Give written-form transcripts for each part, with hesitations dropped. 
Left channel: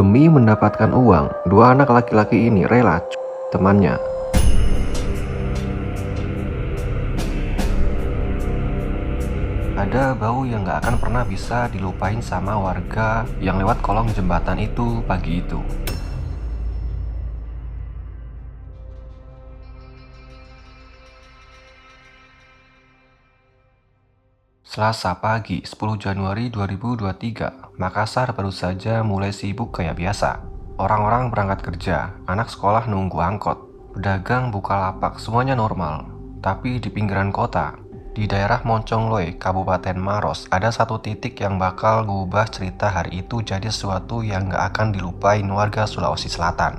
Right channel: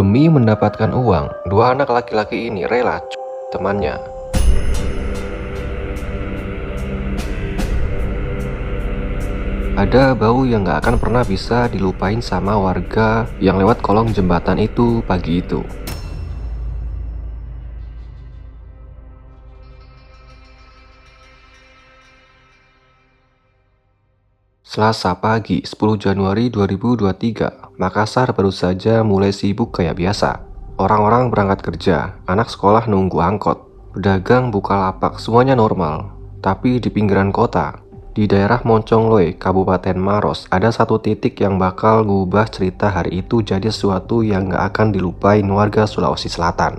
Demi mendapatkan uang, dua anak laki-laki ini rela temannya. Ada bau yang gak akan pernah bisa dilupain sama warga yang lewat kolong jembatan itu pagi itu. Selasa pagi 10 Januari 2023, Makassar baru saja mulai sibuk kayak biasa. Orang-orang berangkat kerja, anak sekolah nunggu angkot, pedagang buka lapak, semuanya normal. Tapi di pinggiran kota, di daerah Moncongloe, Kabupaten Maros, ada satu titik yang bakal mengubah cerita hari itu jadi sesuatu yang gak akan dilupain warga Sulawesi Selatan.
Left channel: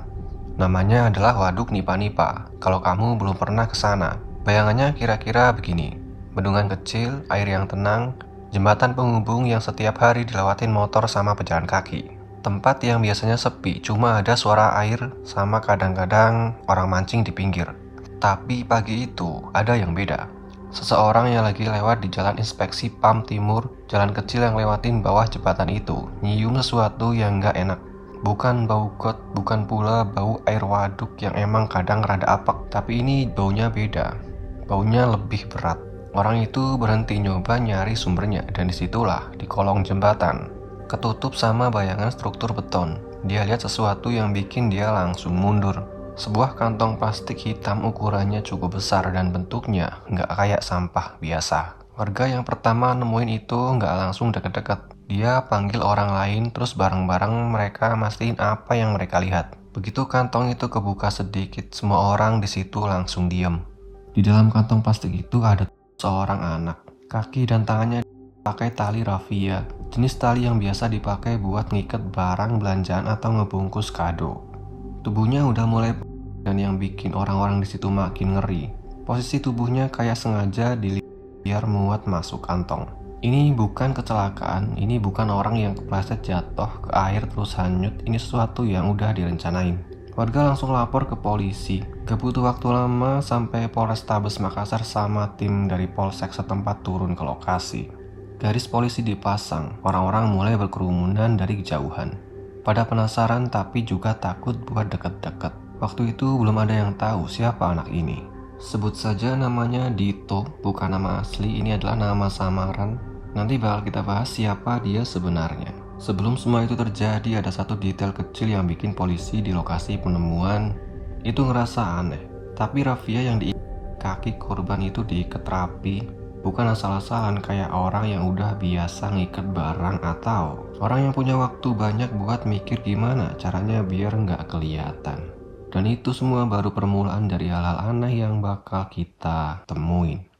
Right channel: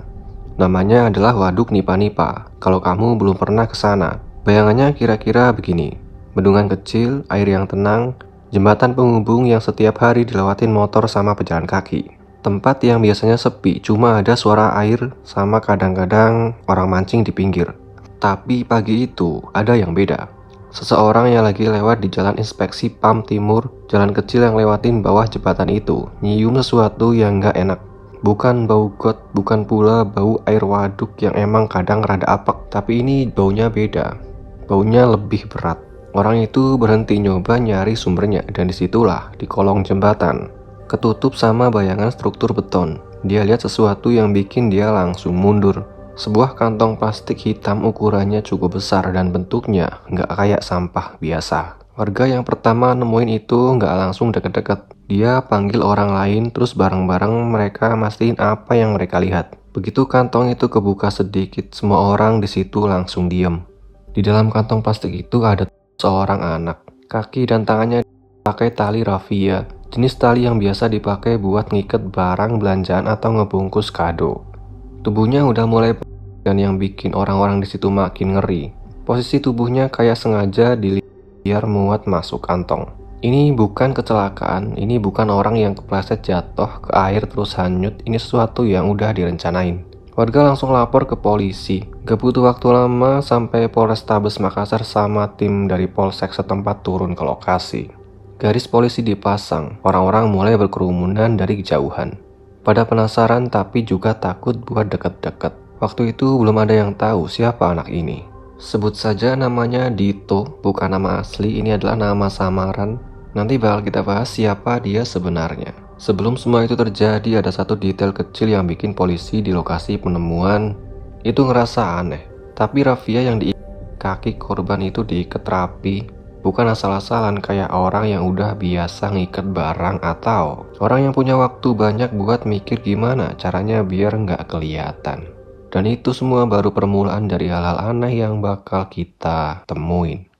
Namanya adalah Waduk Nipa-Nipa. Kalau kamu belum pernah ke sana, bayangannya kira-kira begini. Bendungan kecil, air yang tenang, jembatan penghubung yang setiap hari dilewatin motor sama pejalan kaki. Tempat yang biasanya sepi, cuma ada suara air sama kadang-kadang orang mancing di pinggir. Tapi pagi itu ada yang beda. Seseorang yang lagi lewat di jalan inspeksi PAM Timur, jalan kecil yang lewatin bawah jembatan itu, nyium sesuatu yang gak enak. Bukan bau got, bukan pula bau air waduk yang emang kadang rada apek, tapi ini baunya beda. Baunya lebih berat. Orang itu berhenti nyoba nyari sumbernya, dan disitulah di kolong jembatan, ketutup sama bayangan struktur beton. Dia lihat sesuatu yang bikin dia langsung mundur. Sebuah kantong plastik hitam ukurannya cukup besar dan bentuknya nggak kayak sampah biasa. Warga yang pertama nemuin itu nggak langsung deket-deket. Dia panggil orang lain, terus bareng-bareng mereka mastiin apa yang mereka lihat. Begitu kantong itu kebuka sedikit, semua orang di situ langsung diem. Di dalam kantong plastik itu ada seorang anak. Kaki dan tangannya pakai tali raffia, jenis tali yang biasa dipakai buat ngiket barang belanjaan atau ngebungkus kado. Tubuhnya udah mulai dan yang bikin orang-orang di situ makin ngeri. Posisi tubuhnya kayak sengaja biar muat masuk kantong. Ini bukan kecelakaan, ini bukan orang yang kepleset jatuh ke air terus hanyut, ini sesuatu yang udah direncanain. Warga langsung lapor ke polisi. Gak butuh waktu lama sampai Polrestabes Makassar sama tim dari Polsek setempat turun ke lokasi. Garis polisi dipasang, orang-orang mulai berkerumunan dari kejauhan. Pada penasaran tapi juga takut buat deket-deket. Waktu itu belum ada yang tahu siapa anak ini. Sebut saja namanya Dito, bukan nama asli, ini adalah nama samaran. Nanti bakal kita bahas siapa dia sebenarnya. Sebelum semua itu terjadi, ada satu detail kecil yang bikin polisi di lokasi penemuan itu ngerasa aneh. Tapi raffia yang di kaki korban itu diikat rapi, bukan asal-asalan kayak orang yang udah biasa ngikat barang atau orang yang punya waktu banyak buat mikir gimana caranya biar nggak kelihatan. Dan itu semua baru permulaan dari hal-hal aneh yang bakal kita temuin.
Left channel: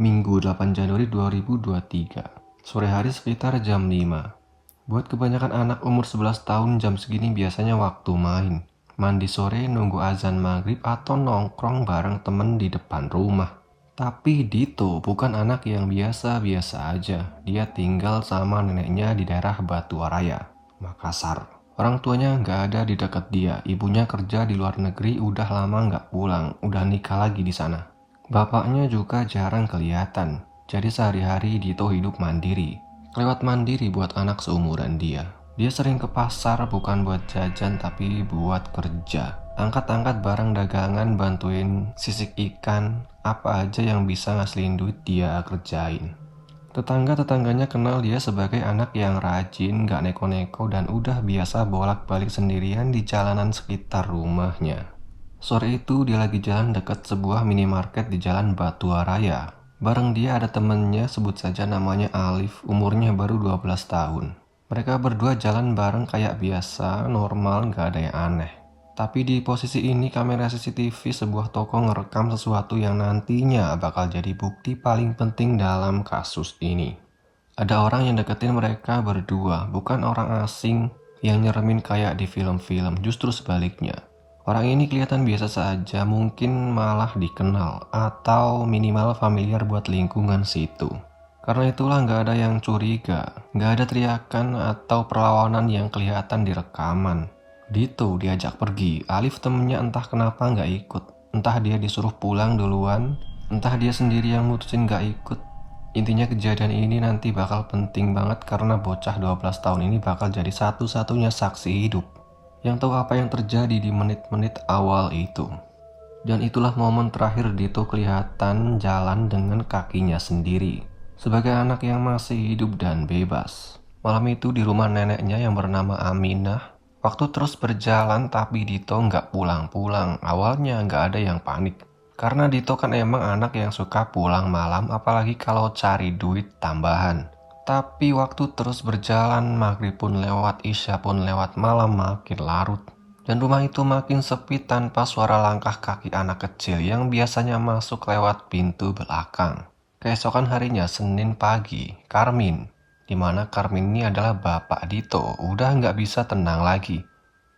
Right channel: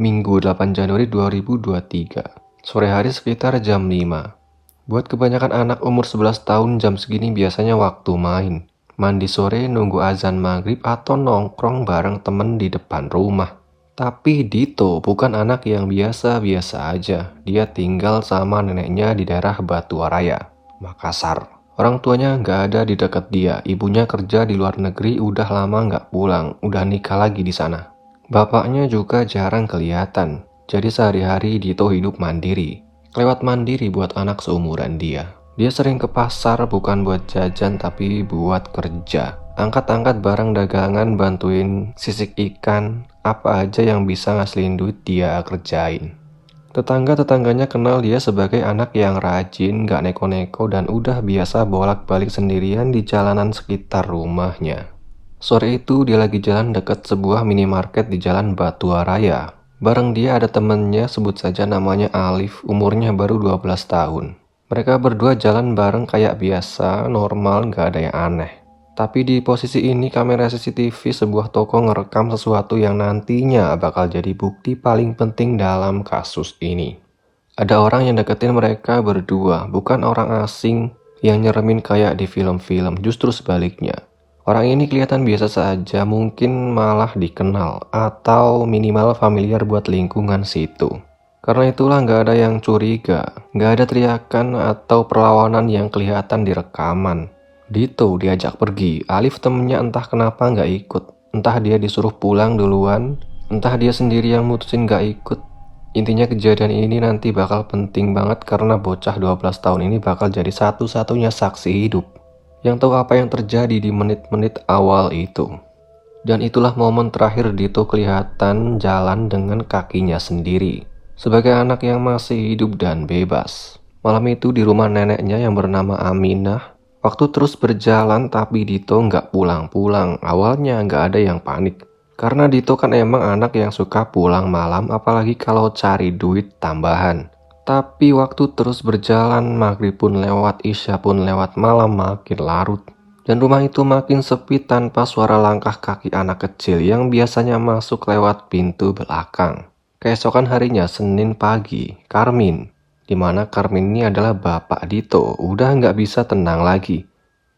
Minggu 8 Januari 2023, sore hari sekitar jam 5. Buat kebanyakan anak umur 11 tahun jam segini biasanya waktu main. Mandi sore, nunggu azan maghrib, atau nongkrong bareng temen di depan rumah. Tapi Dito bukan anak yang biasa-biasa aja. Dia tinggal sama neneknya di daerah Batuwaraya, Makassar. Orang tuanya nggak ada di dekat dia. Ibunya kerja di luar negeri, udah lama nggak pulang, udah nikah lagi di sana. Bapaknya juga jarang kelihatan, jadi sehari-hari Dito hidup mandiri. Lewat mandiri buat anak seumuran dia. Dia sering ke pasar bukan buat jajan tapi buat kerja. Angkat-angkat barang dagangan, bantuin sisik ikan, apa aja yang bisa ngasilin duit dia kerjain. Tetangga-tetangganya kenal dia sebagai anak yang rajin, gak neko-neko dan udah biasa bolak-balik sendirian di jalanan sekitar rumahnya. Sore itu dia lagi jalan dekat sebuah minimarket di Jalan Batuwaraya. Bareng dia ada temennya, sebut saja namanya Alif, umurnya baru 12 tahun. Mereka berdua jalan bareng kayak biasa, normal, gak ada yang aneh. Tapi di posisi ini kamera CCTV sebuah toko ngerekam sesuatu yang nantinya bakal jadi bukti paling penting dalam kasus ini. Ada orang yang deketin mereka berdua, bukan orang asing yang nyeremin kayak di film-film, justru sebaliknya. Orang ini kelihatan biasa saja, mungkin malah dikenal atau minimal familiar buat lingkungan situ. Karena itulah nggak ada yang curiga, nggak ada teriakan atau perlawanan yang kelihatan di rekaman. Dito diajak pergi, Alif temennya entah kenapa nggak ikut. Entah dia disuruh pulang duluan, entah dia sendiri yang mutusin nggak ikut. Intinya kejadian ini nanti bakal penting banget karena bocah 12 tahun ini bakal jadi satu-satunya saksi hidup yang tahu apa yang terjadi di menit-menit awal itu. Dan itulah momen terakhir Dito kelihatan jalan dengan kakinya sendiri sebagai anak yang masih hidup dan bebas. Malam itu di rumah neneknya yang bernama Aminah, waktu terus berjalan tapi Dito nggak pulang-pulang. Awalnya nggak ada yang panik. Karena Dito kan emang anak yang suka pulang malam apalagi kalau cari duit tambahan. Tapi waktu terus berjalan, maghrib pun lewat, isya pun lewat, malam makin larut. Dan rumah itu makin sepi tanpa suara langkah kaki anak kecil yang biasanya masuk lewat pintu belakang. Keesokan harinya, Senin pagi, Karmin, dimana Karmin ini adalah bapak Dito, udah nggak bisa tenang lagi.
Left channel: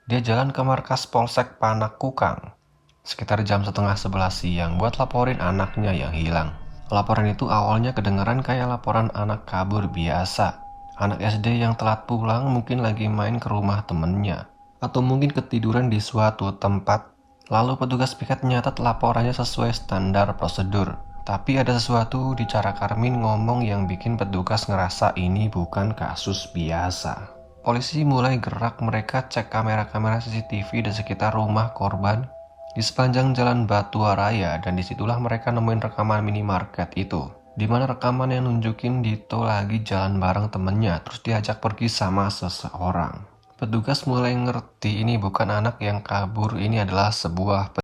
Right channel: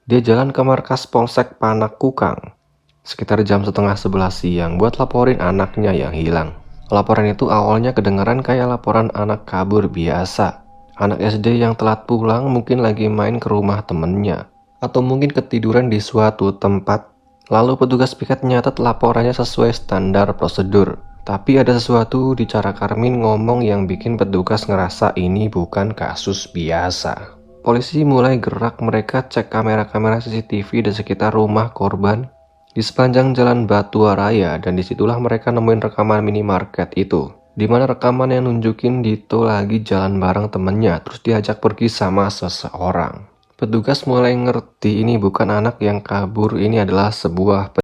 Dia jalan ke markas Polsek Panakukang sekitar jam setengah 11 siang buat laporin anaknya yang hilang. Laporan itu awalnya kedengaran kayak laporan anak kabur biasa. Anak SD yang telat pulang mungkin lagi main ke rumah temennya. Atau mungkin ketiduran di suatu tempat. Lalu petugas piket nyatet laporannya sesuai standar prosedur. Tapi ada sesuatu di cara Karmin ngomong yang bikin petugas ngerasa ini bukan kasus biasa. Polisi mulai gerak, mereka cek kamera-kamera CCTV di sekitar rumah korban di sepanjang jalan Batua Raya, dan disitulah mereka nemuin rekaman minimarket itu, dimana rekaman yang nunjukin Dito lagi jalan bareng temennya terus diajak pergi sama seseorang. Petugas mulai ngerti ini bukan anak yang kabur, ini adalah sebuah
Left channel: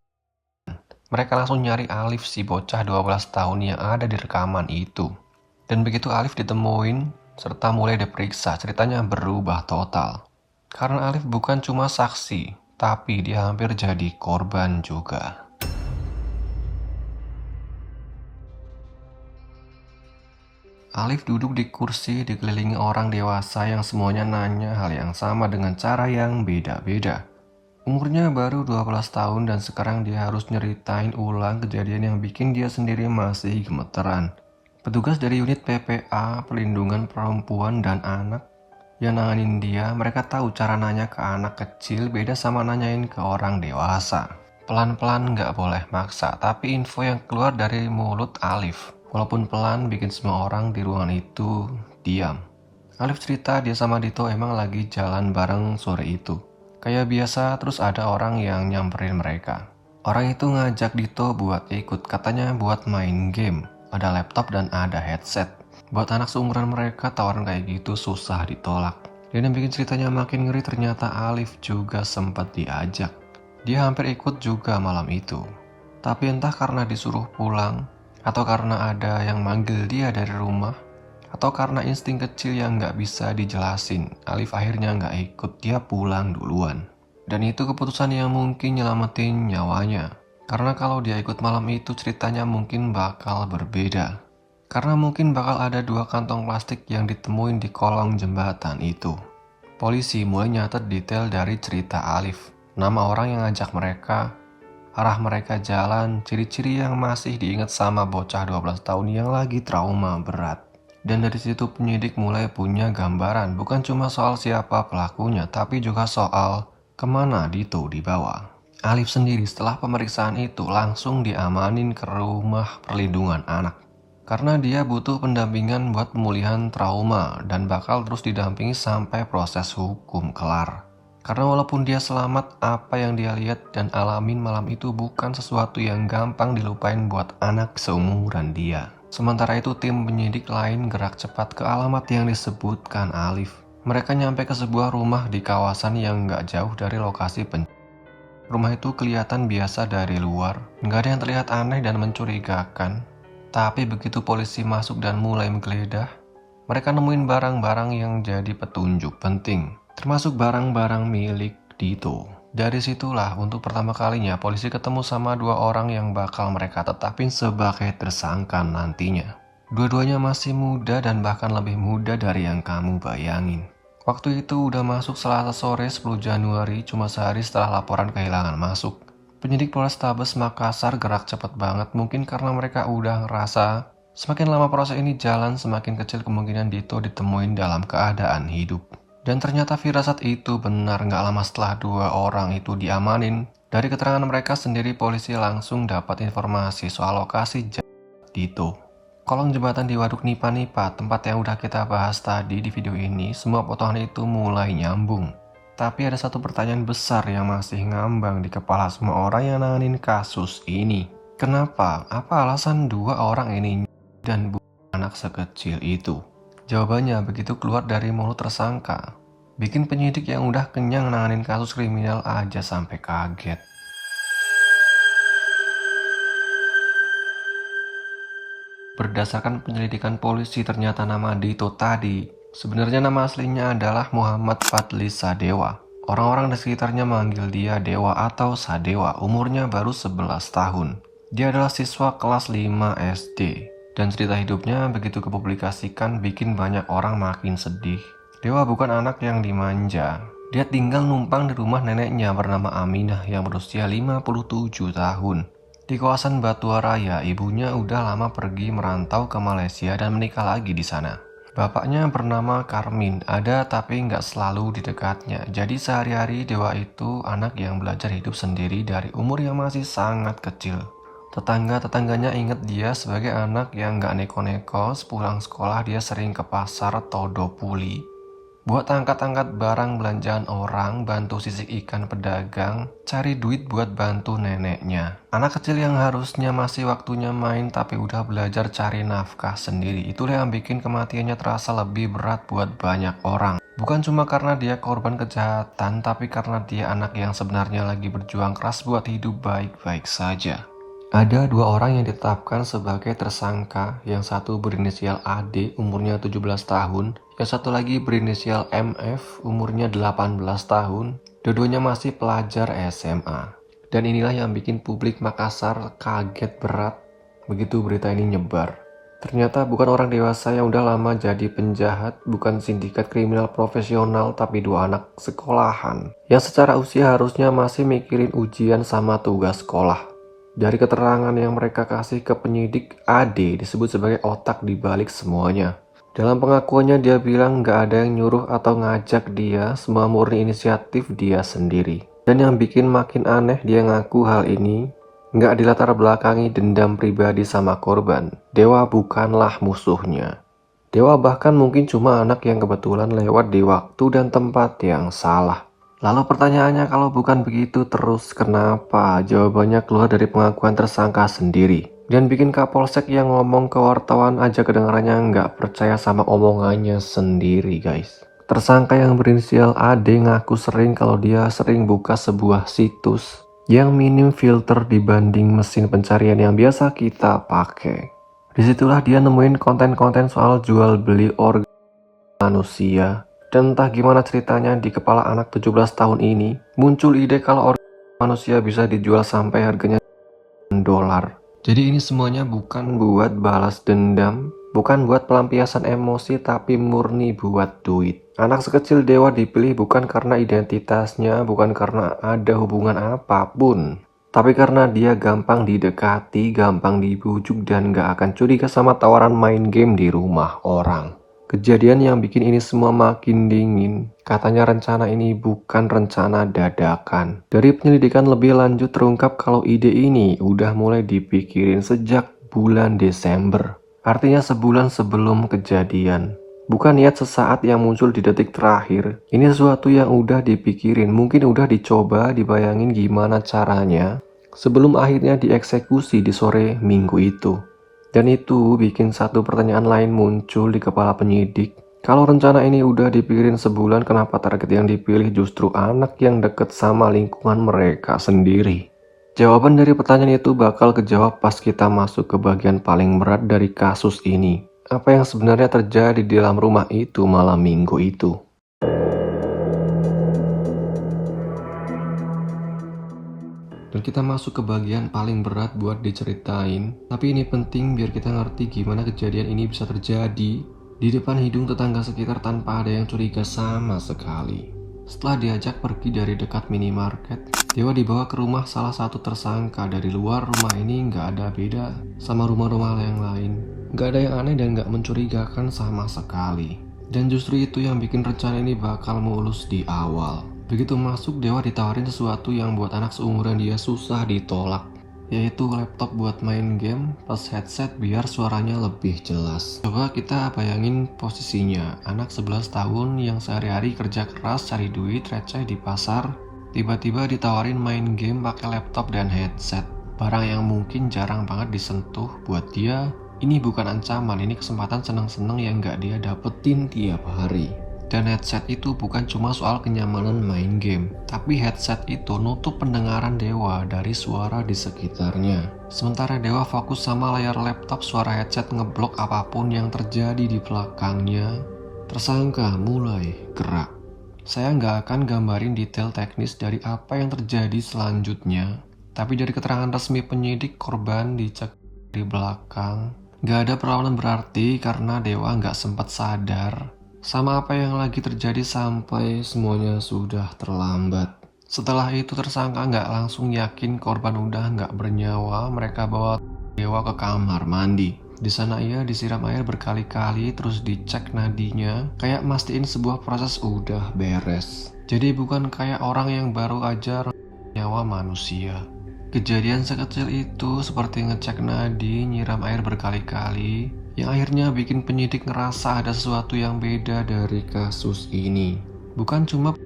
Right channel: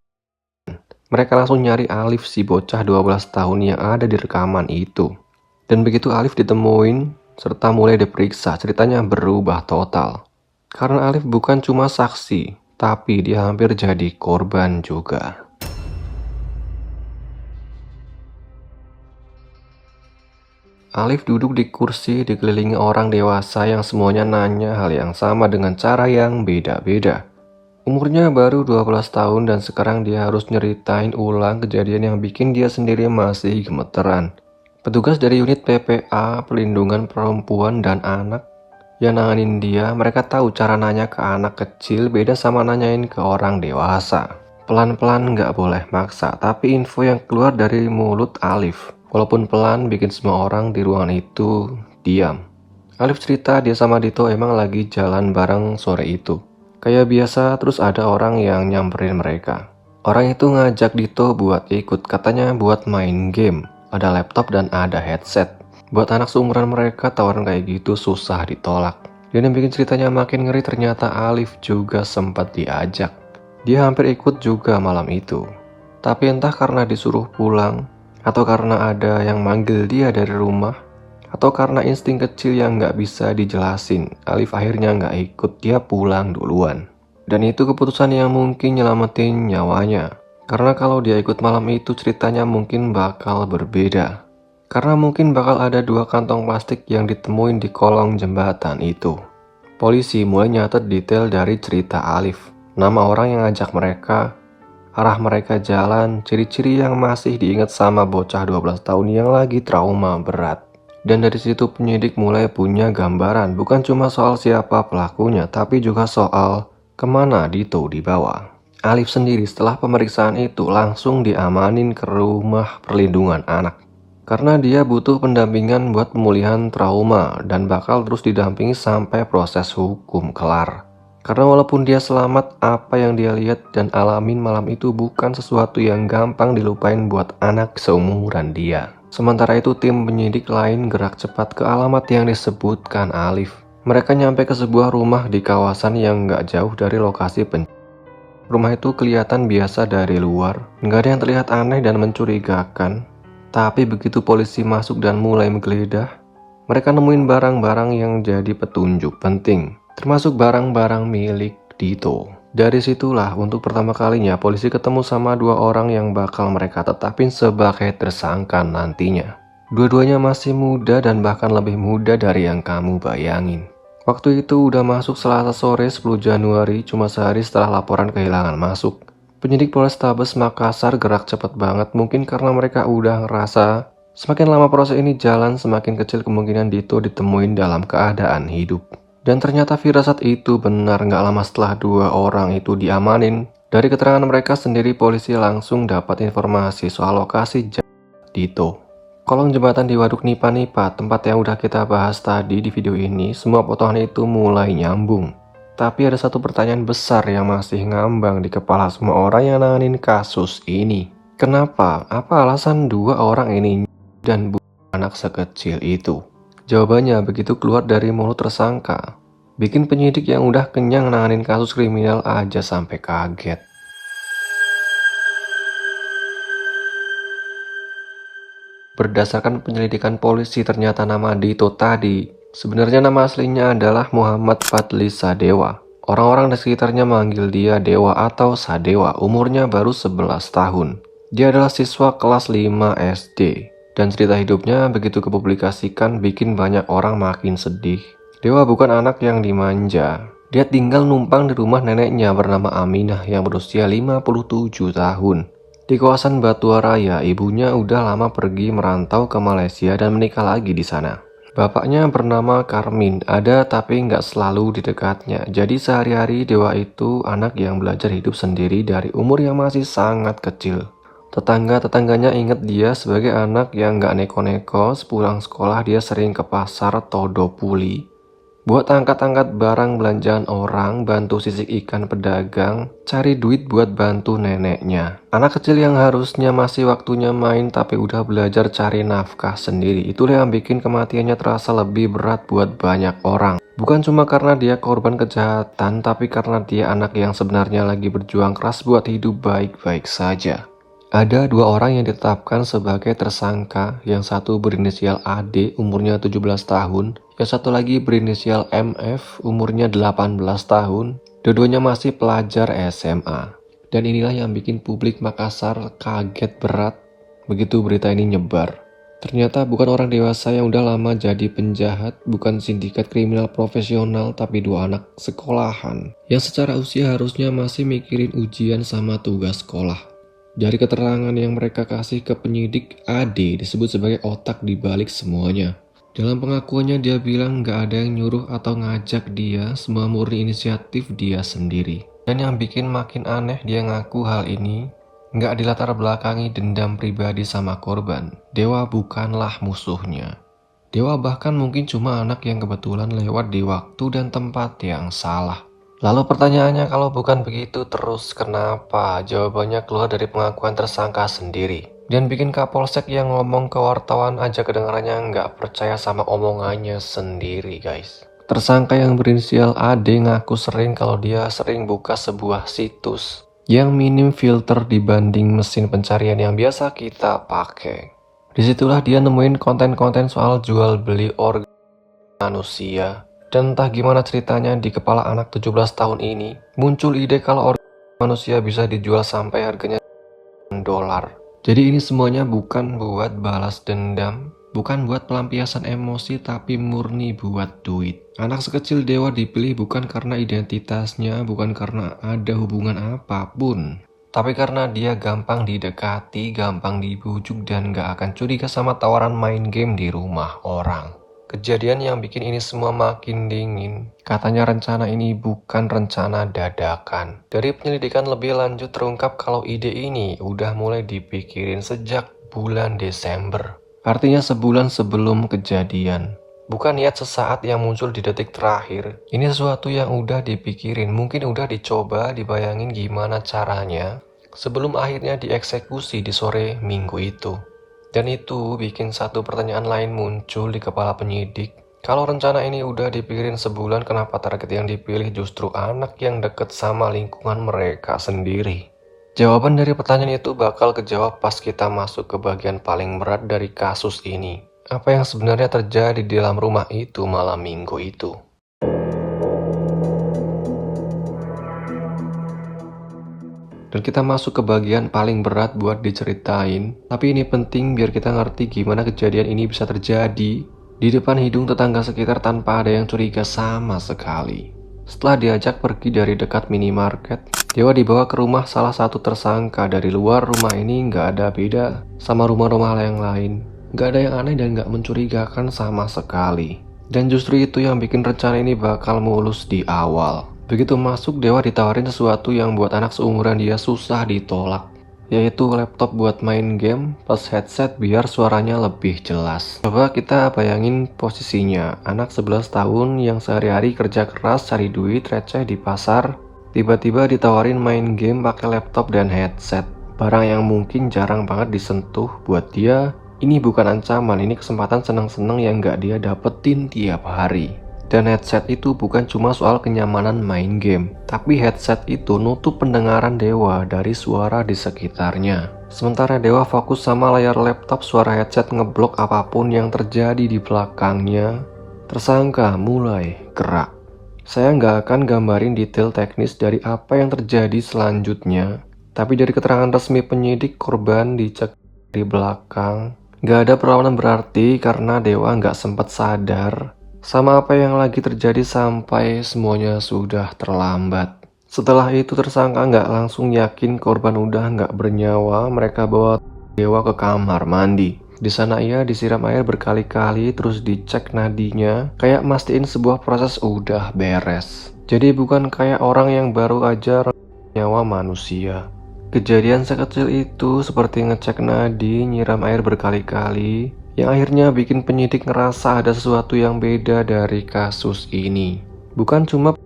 mereka langsung nyari Alif, si bocah 12 tahun yang ada di rekaman itu. Dan begitu Alif ditemuin serta mulai diperiksa, ceritanya berubah total. Karena Alif bukan cuma saksi, tapi dia hampir jadi korban juga. Alif duduk di kursi dikelilingi orang dewasa yang semuanya nanya hal yang sama dengan cara yang beda-beda. Umurnya baru 12 tahun dan sekarang dia harus nyeritain ulang kejadian yang bikin dia sendiri masih gemeteran. Petugas dari unit PPA, Pelindungan Perempuan dan Anak, yang nanganin dia, mereka tahu cara nanya ke anak kecil beda sama nanyain ke orang dewasa. Pelan-pelan nggak boleh maksa, tapi info yang keluar dari mulut Alif, walaupun pelan, bikin semua orang di ruangan itu diam. Alif cerita dia sama Dito emang lagi jalan bareng sore itu. Kayak biasa, terus ada orang yang nyamperin mereka. Orang itu ngajak Dito buat ikut, katanya buat main game. Ada laptop dan ada headset. Buat anak seumuran mereka, tawaran kayak gitu susah ditolak. Dan yang bikin ceritanya makin ngeri, ternyata Alif juga sempat diajak. Dia hampir ikut juga malam itu. Tapi entah karena disuruh pulang, atau karena ada yang manggil dia dari rumah, atau karena insting kecil yang nggak bisa dijelasin, Alif akhirnya nggak ikut, dia pulang duluan. Dan itu keputusan yang mungkin nyelamatin nyawanya. Karena kalau dia ikut malam itu ceritanya mungkin bakal berbeda. Karena mungkin bakal ada 2 kantong plastik yang ditemuin di kolong jembatan itu. Polisi mulai nyatet detail dari cerita Alif. Nama orang yang ngajak mereka, arah mereka jalan, ciri-ciri yang masih diingat sama bocah 12 tahun yang lagi trauma berat. Dan dari situ penyidik mulai punya gambaran, bukan cuma soal siapa pelakunya, tapi juga soal kemana Dito dibawa. Alif sendiri setelah pemeriksaan itu langsung diamanin ke rumah perlindungan anak. Karena dia butuh pendampingan buat pemulihan trauma dan bakal terus didampingi sampai proses hukum kelar. Karena walaupun dia selamat, apa yang dia lihat dan alamin malam itu bukan sesuatu yang gampang dilupain buat anak seumuran dia. Sementara itu tim penyidik lain gerak cepat ke alamat yang disebutkan Alif. Mereka nyampe ke sebuah rumah di kawasan yang nggak jauh dari lokasi Rumah itu kelihatan biasa dari luar, nggak ada yang terlihat aneh dan mencurigakan. Tapi begitu polisi masuk dan mulai menggeledah, mereka nemuin barang-barang yang jadi petunjuk penting, termasuk barang-barang milik Dito. Dari situlah untuk pertama kalinya polisi ketemu sama 2 orang yang bakal mereka tetapin sebagai tersangka nantinya. Dua-duanya masih muda dan bahkan lebih muda dari yang kamu bayangin. Waktu itu udah masuk Selasa sore 10 Januari, cuma sehari setelah laporan kehilangan masuk. Penyidik Polrestabes Makassar gerak cepat banget, mungkin karena mereka udah ngerasa semakin lama proses ini jalan, semakin kecil kemungkinan Dito ditemuin dalam keadaan hidup. Dan ternyata firasat itu benar. Nggak lama setelah 2 orang itu diamanin, dari keterangan mereka sendiri polisi langsung dapat informasi soal lokasi Dito. Kolong jembatan di Waduk Nipa-Nipa, tempat yang udah kita bahas tadi di video ini, semua potongan itu mulai nyambung. Tapi ada satu pertanyaan besar yang masih ngambang di kepala semua orang yang nanganin kasus ini. Kenapa? Apa alasan dua orang ini dan anak sekecil itu? Jawabannya begitu keluar dari mulut tersangka, bikin penyidik yang udah kenyang nanganin kasus kriminal aja sampai kaget. Berdasarkan penyelidikan polisi, ternyata nama Dito tadi sebenarnya nama aslinya adalah Muhammad Fadli Sadewa. Orang-orang di sekitarnya manggil dia Dewa atau Sadewa. Umurnya baru 11 tahun. Dia adalah siswa kelas 5 SD. Dan cerita hidupnya begitu kepublikasikan bikin banyak orang makin sedih. Dewa bukan anak yang dimanja. Dia tinggal numpang di rumah neneknya bernama Aminah yang berusia 57 tahun. Di kawasan Batu Raya, ibunya udah lama pergi merantau ke Malaysia dan menikah lagi di sana. Bapaknya bernama Karmin, ada tapi nggak selalu di dekatnya. Jadi sehari-hari Dewa itu anak yang belajar hidup sendiri dari umur yang masih sangat kecil. Tetangga-tetangganya ingat dia sebagai anak yang nggak neko-neko. Sepulang sekolah dia sering ke pasar Todopuli buat angkat-angkat barang belanjaan orang, bantu sisik ikan pedagang, cari duit buat bantu neneknya. Anak kecil yang harusnya masih waktunya main tapi udah belajar cari nafkah sendiri. Itulah yang bikin kematiannya terasa lebih berat buat banyak orang. Bukan cuma karena dia korban kejahatan, tapi karena dia anak yang sebenarnya lagi berjuang keras buat hidup baik-baik saja. Ada dua orang yang ditetapkan sebagai tersangka, yang satu berinisial AD umurnya 17 tahun, yang satu lagi berinisial MF umurnya 18 tahun, dua-duanya masih pelajar SMA. Dan inilah yang bikin publik Makassar kaget berat begitu berita ini nyebar. Ternyata bukan orang dewasa yang udah lama jadi penjahat, bukan sindikat kriminal profesional, tapi dua anak sekolahan yang secara usia harusnya masih mikirin ujian sama tugas sekolah. Dari keterangan yang mereka kasih ke penyidik, AD disebut sebagai otak di balik semuanya. Dalam pengakuannya dia bilang nggak ada yang nyuruh atau ngajak dia, semua murni inisiatif dia sendiri. Dan yang bikin makin aneh, dia ngaku hal ini nggak dilatar belakangi dendam pribadi sama korban. Dewa bukanlah musuhnya. Dewa bahkan mungkin cuma anak yang kebetulan lewat di waktu dan tempat yang salah. Lalu pertanyaannya, kalau bukan begitu terus kenapa? Jawabannya keluar dari pengakuan tersangka sendiri. Dan bikin Kapolsek yang ngomong ke wartawan aja kedengarannya nggak percaya sama omongannya sendiri, guys. Tersangka yang berinisial AD ngaku sering kalau dia sering buka sebuah situs yang minim filter dibanding mesin pencarian yang biasa kita pakai. Disitulah dia nemuin konten-konten soal jual beli organ manusia. Dan entah gimana ceritanya di kepala anak 17 tahun ini muncul ide kalau organ manusia bisa dijual sampai harganya $. Jadi ini semuanya bukan buat balas dendam, bukan buat pelampiasan emosi, tapi murni buat duit. Anak sekecil Dewa dipilih bukan karena identitasnya, bukan karena ada hubungan apapun, tapi karena dia gampang didekati, gampang dibujuk, dan gak akan curiga sama tawaran main game di rumah orang. Kejadian yang bikin ini semua makin dingin. Katanya rencana ini bukan rencana dadakan. Dari penyelidikan lebih lanjut terungkap kalau ide ini udah mulai dipikirin sejak bulan Desember. Artinya sebulan sebelum kejadian. Bukan niat sesaat yang muncul di detik terakhir. Ini sesuatu yang udah dipikirin, mungkin udah dicoba, dibayangin gimana caranya sebelum akhirnya dieksekusi di sore minggu itu. Dan itu bikin satu pertanyaan lain muncul di kepala penyidik. Kalau rencana ini udah dipikirin sebulan, kenapa target yang dipilih justru anak yang deket sama lingkungan mereka sendiri? Jawaban dari pertanyaan itu bakal kejawab pas kita masuk ke bagian paling berat dari kasus ini. Apa yang sebenarnya terjadi di dalam rumah itu malam minggu itu? Dan kita masuk ke bagian paling berat buat diceritain. Tapi ini penting biar kita ngerti gimana kejadian ini bisa terjadi di depan hidung tetangga sekitar tanpa ada yang curiga sama sekali. Setelah diajak pergi dari dekat minimarket, Dewa dibawa ke rumah salah satu tersangka. Dari luar rumah ini nggak ada beda sama rumah-rumah yang lain. Nggak ada yang aneh dan nggak mencurigakan sama sekali. Dan justru itu yang bikin rencana ini bakal mulus di awal. Begitu masuk, Dewa ditawarin sesuatu yang buat anak seumuran dia susah ditolak. yaitu laptop buat main game plus headset biar suaranya lebih jelas. Coba kita bayangin posisinya, anak 11 tahun yang sehari-hari kerja keras cari duit receh di pasar, tiba-tiba ditawarin main game pakai laptop dan headset. Barang yang mungkin jarang banget disentuh. Buat dia, ini bukan ancaman, ini kesempatan senang-senang yang gak dia dapetin tiap hari. Dan headset itu bukan cuma soal kenyamanan main game, tapi headset itu nutup pendengaran Dewa dari suara di sekitarnya. Sementara Dewa fokus sama layar laptop, suara headset ngeblok apapun yang terjadi di belakangnya. Tersangka mulai gerak. Saya nggak akan gambarin detail teknis dari apa yang terjadi selanjutnya, tapi dari keterangan resmi penyidik, korban dicek di belakang. Nggak ada perlawanan berarti karena Dewa nggak sempat sadar sama apa yang lagi terjadi sampai semuanya sudah terlambat. Setelah itu tersangka nggak langsung yakin korban udah nggak bernyawa. Mereka bawa Dewa ke kamar mandi. Di sana ia disiram air berkali-kali terus dicek nadinya, kayak mastiin sebuah proses udah beres. Jadi bukan kayak orang yang baru aja nyawa manusia. Kejadian sekecil itu seperti ngecek nadi, nyiram air berkali-kali, yang akhirnya bikin penyidik ngerasa ada sesuatu yang beda dari kasus ini. Bukan cuma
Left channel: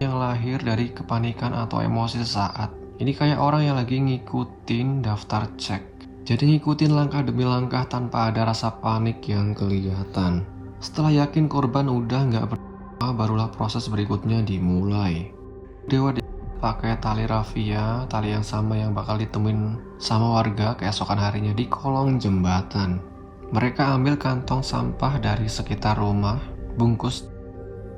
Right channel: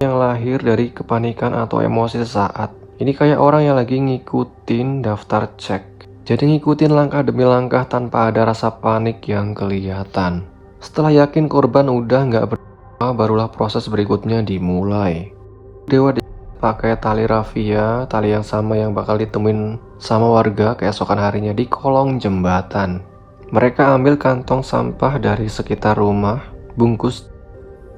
yang lahir dari kepanikan atau emosi sesaat. Ini kayak orang yang lagi ngikutin daftar cek. Jadi ngikutin langkah demi langkah tanpa ada rasa panik yang kelihatan. Setelah yakin korban udah nggak bernyawa, barulah proses berikutnya dimulai. Dewa pakai tali rafia, tali yang sama yang bakal ditemuin sama warga keesokan harinya di kolong jembatan. Mereka ambil kantong sampah dari sekitar rumah, bungkus,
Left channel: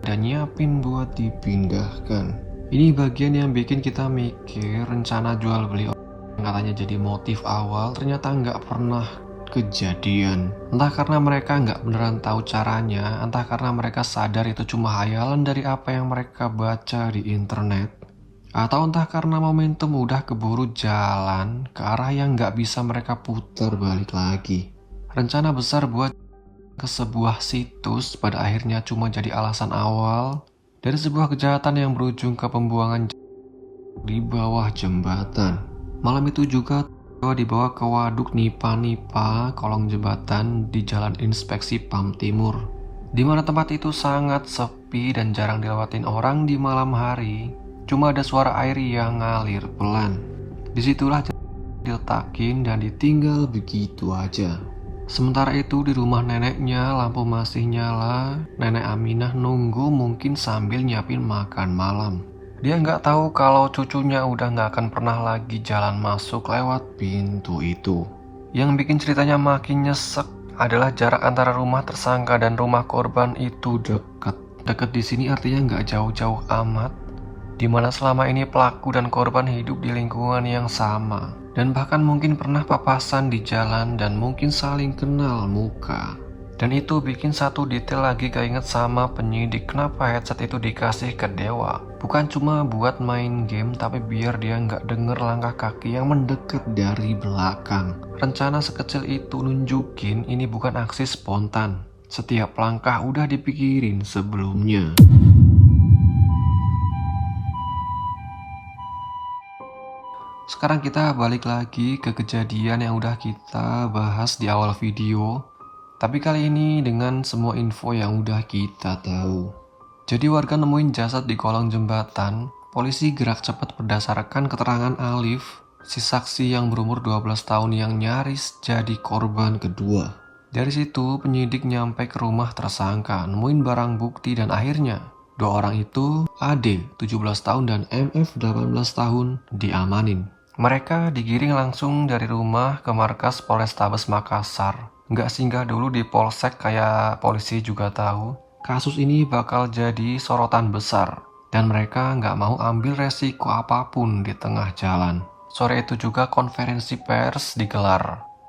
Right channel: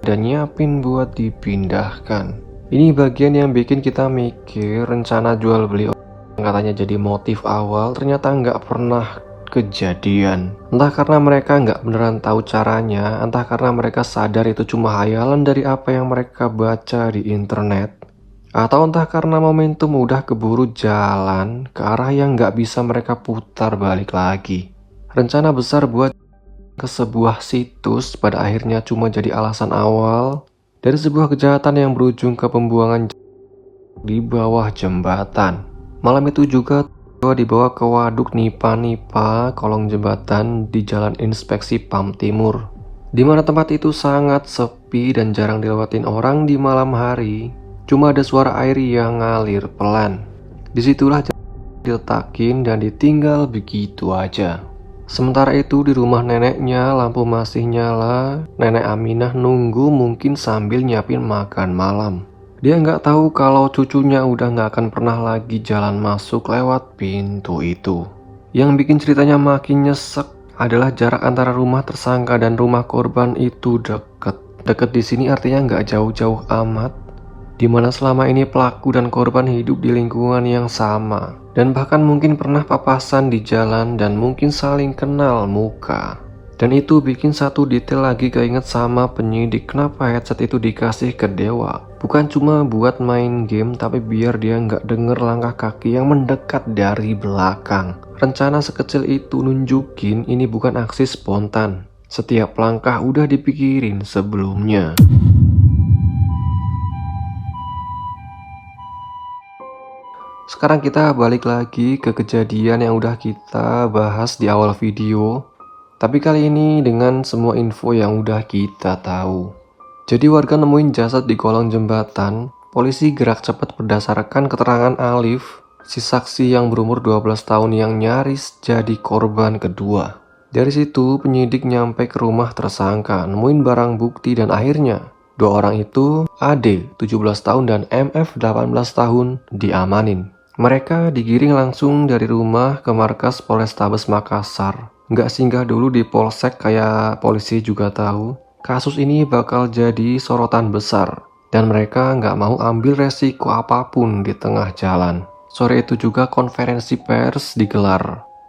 dan nyiapin buat dipindahkan. Ini bagian yang bikin kita mikir rencana jual beli yang katanya jadi motif awal ternyata nggak pernah kejadian. Entah karena mereka nggak beneran tahu caranya, entah karena mereka sadar itu cuma hayalan dari apa yang mereka baca di internet, atau entah karena momentum udah keburu jalan ke arah yang nggak bisa mereka putar balik lagi. Rencana besar buat ke sebuah situs pada akhirnya cuma jadi alasan awal dari sebuah kejahatan yang berujung ke pembuangan di bawah jembatan. Malam itu juga dibawa ke waduk Nipa kolong jembatan di Jalan Inspeksi PAM Timur, di mana tempat itu sangat sepi dan jarang dilewatin orang di malam hari. Cuma ada suara air yang ngalir pelan. Disitulah diletakin dan ditinggal begitu aja. Sementara itu di rumah neneknya lampu masih nyala. Nenek Aminah nunggu mungkin sambil nyiapin makan malam. Dia nggak tahu kalau cucunya udah nggak akan pernah lagi jalan masuk lewat pintu itu. Yang bikin ceritanya makin nyesek adalah jarak antara rumah tersangka dan rumah korban itu deket. Deket di sini artinya nggak jauh-jauh amat, dimana selama ini pelaku dan korban hidup di lingkungan yang sama, dan bahkan mungkin pernah papasan di jalan dan mungkin saling kenal muka. Dan itu bikin satu detail lagi keinget sama penyidik, kenapa headset itu dikasih ke Dewa. Bukan cuma buat main game, tapi biar dia nggak denger langkah kaki yang mendekat dari belakang. Rencana sekecil itu nunjukin ini bukan aksi spontan. Setiap langkah udah dipikirin sebelumnya. Sekarang kita balik lagi ke kejadian yang udah kita bahas di awal video, tapi kali ini dengan semua info yang udah kita tahu. Jadi warga nemuin jasad di kolong jembatan. Polisi gerak cepat berdasarkan keterangan Alif, si saksi yang berumur 12 tahun yang nyaris jadi korban kedua. Dari situ penyidik nyampe ke rumah tersangka, nemuin barang bukti, dan akhirnya dua orang itu, AD 17 tahun dan MF 18 tahun, diamanin. Mereka digiring langsung dari rumah ke markas Polrestabes Makassar. Nggak singgah dulu di polsek kayak polisi juga tahu kasus ini bakal jadi sorotan besar, dan mereka nggak mau ambil resiko apapun di tengah jalan. Sore itu juga konferensi pers digelar.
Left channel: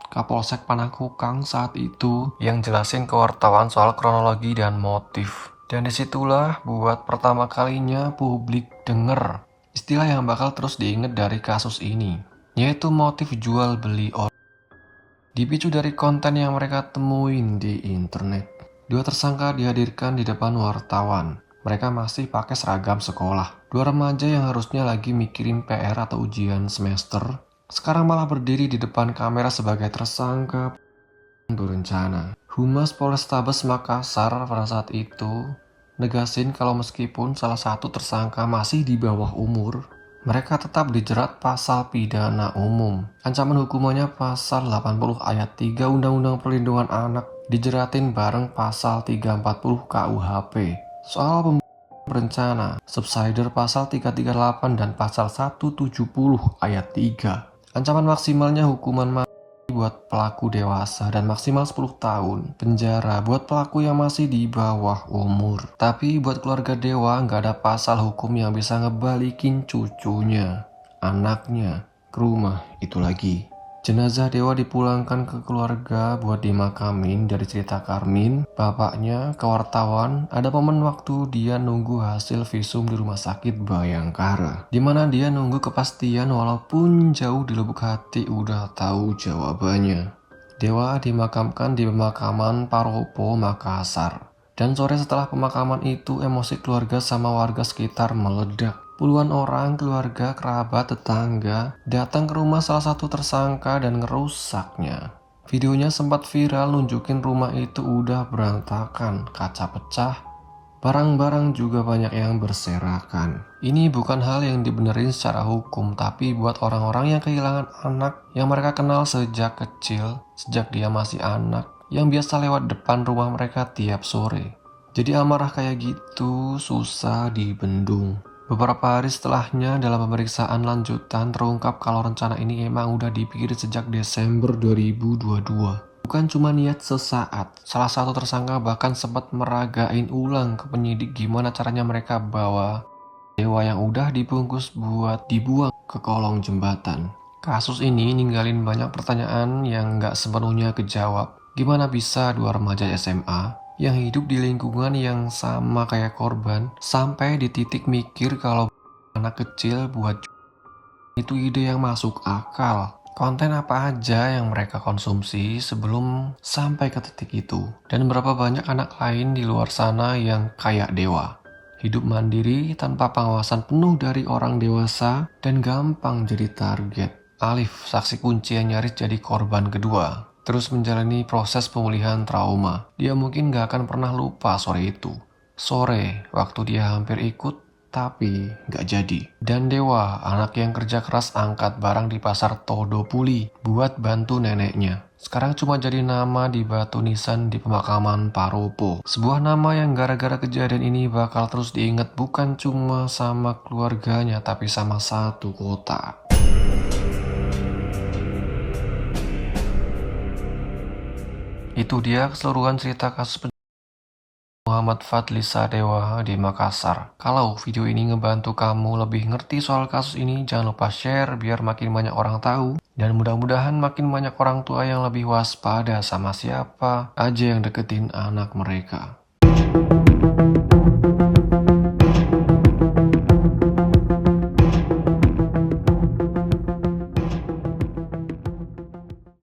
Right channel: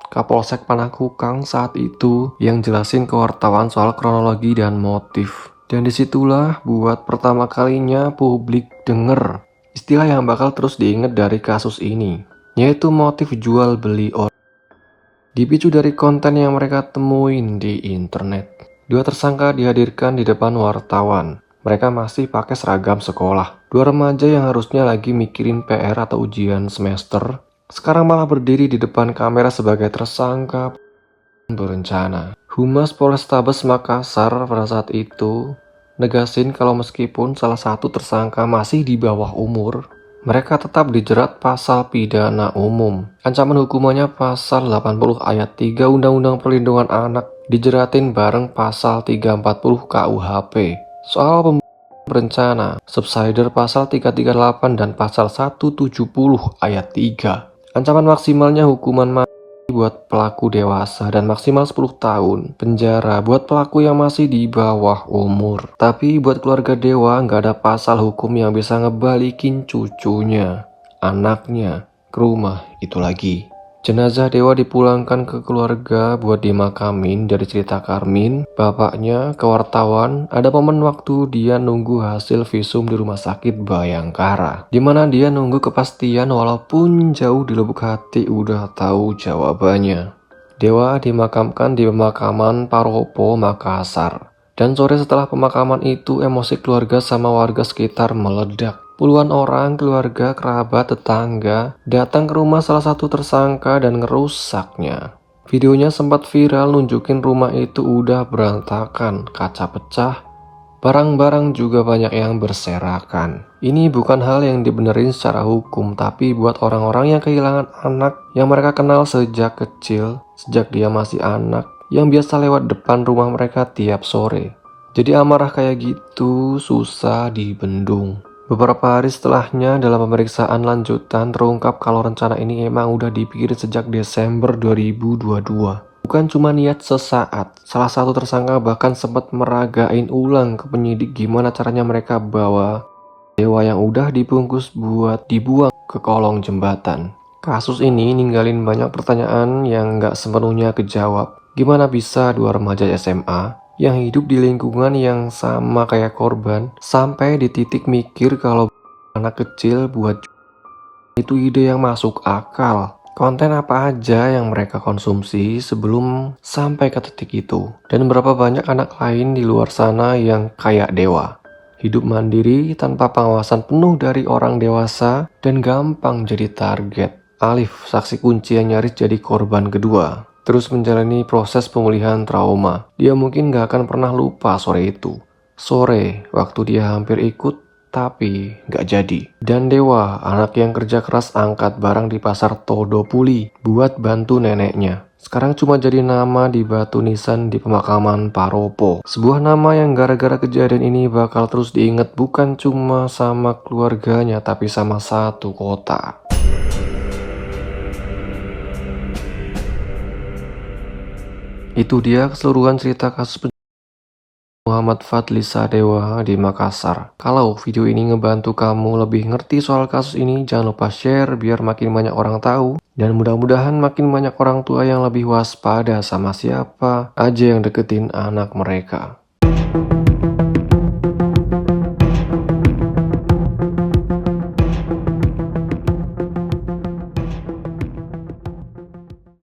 Kapolsek Panakukang saat itu yang jelasin ke wartawan soal kronologi dan motif. Dan disitulah buat pertama kalinya publik denger istilah yang bakal terus diingat dari kasus ini, yaitu motif jual beli orang. Dipicu dari konten yang mereka temuin di internet. Dua tersangka dihadirkan di depan wartawan. Mereka masih pakai seragam sekolah. Dua remaja yang harusnya lagi mikirin PR atau ujian semester, Sekarang malah berdiri di depan kamera sebagai tersangka berencana. Humas Polrestabes Makassar pada saat itu negasin kalau meskipun salah satu tersangka masih di bawah umur, mereka tetap dijerat pasal pidana umum. Ancaman hukumannya pasal 80 ayat 3 Undang-Undang Perlindungan Anak, dijeratin bareng pasal 340 KUHP. Soal berencana, subsider pasal 338 dan pasal 170 ayat 3. Ancaman maksimalnya hukuman mati buat pelaku dewasa dan maksimal 10 tahun penjara buat pelaku yang masih di bawah umur. Tapi buat keluarga Dewa nggak ada pasal hukum yang bisa ngebalikin cucunya, anaknya, ke rumah itu lagi. Jenazah Dewa dipulangkan ke keluarga buat dimakamin. Dari cerita Karmin, bapaknya, ke wartawan, ada momen waktu dia nunggu hasil visum di rumah sakit Bayangkara, dimana dia nunggu kepastian walaupun jauh di lubuk hati udah tahu jawabannya. Dewa dimakamkan di pemakaman Paropo, Makassar. Dan sore setelah pemakaman itu, emosi keluarga sama warga sekitar meledak. Puluhan orang, keluarga, kerabat, tetangga datang ke rumah salah satu tersangka dan ngerusaknya. Videonya sempat viral, nunjukin rumah itu udah berantakan, kaca pecah, barang-barang juga banyak yang berserakan. Ini bukan hal yang dibenerin secara hukum, tapi buat orang-orang yang kehilangan anak yang mereka kenal sejak kecil, sejak dia masih anak, yang biasa lewat depan rumah mereka tiap sore. Jadi amarah kayak gitu susah dibendung. Beberapa hari setelahnya dalam pemeriksaan lanjutan terungkap kalau rencana ini emang udah dipikirin sejak Desember 2022. Bukan cuma niat sesaat, salah satu tersangka bahkan sempat meragain ulang ke penyidik gimana caranya mereka bawa Dewa yang udah dibungkus buat dibuang ke kolong jembatan. Kasus ini ninggalin banyak pertanyaan yang gak sepenuhnya kejawab. Gimana bisa dua remaja SMA yang hidup di lingkungan yang sama kayak korban sampai di titik mikir kalau anak kecil buat itu ide yang masuk akal. Konten apa aja yang mereka konsumsi sebelum sampai ke titik itu. Dan berapa banyak anak lain di luar sana yang kayak Dewa, hidup mandiri tanpa pengawasan penuh dari orang dewasa dan gampang jadi target. Alif, saksi kunci yang nyaris jadi korban kedua, terus menjalani proses pemulihan trauma. Dia mungkin gak akan pernah lupa sore itu. Sore, waktu dia hampir ikut, tapi gak jadi. Dan Dewa, anak yang kerja keras angkat barang di pasar Todopuli buat bantu neneknya, sekarang cuma jadi nama di batu nisan di pemakaman Paropo. Sebuah nama yang gara-gara kejadian ini bakal terus diingat bukan cuma sama keluarganya, tapi sama satu kota. Itu dia keseluruhan cerita kasus Muhammad Fadli Sadewa di Makassar. Kalau video ini ngebantu kamu lebih ngerti soal kasus ini, jangan lupa share biar makin banyak orang tahu. Dan mudah-mudahan makin banyak orang tua yang lebih waspada sama siapa aja yang deketin anak mereka.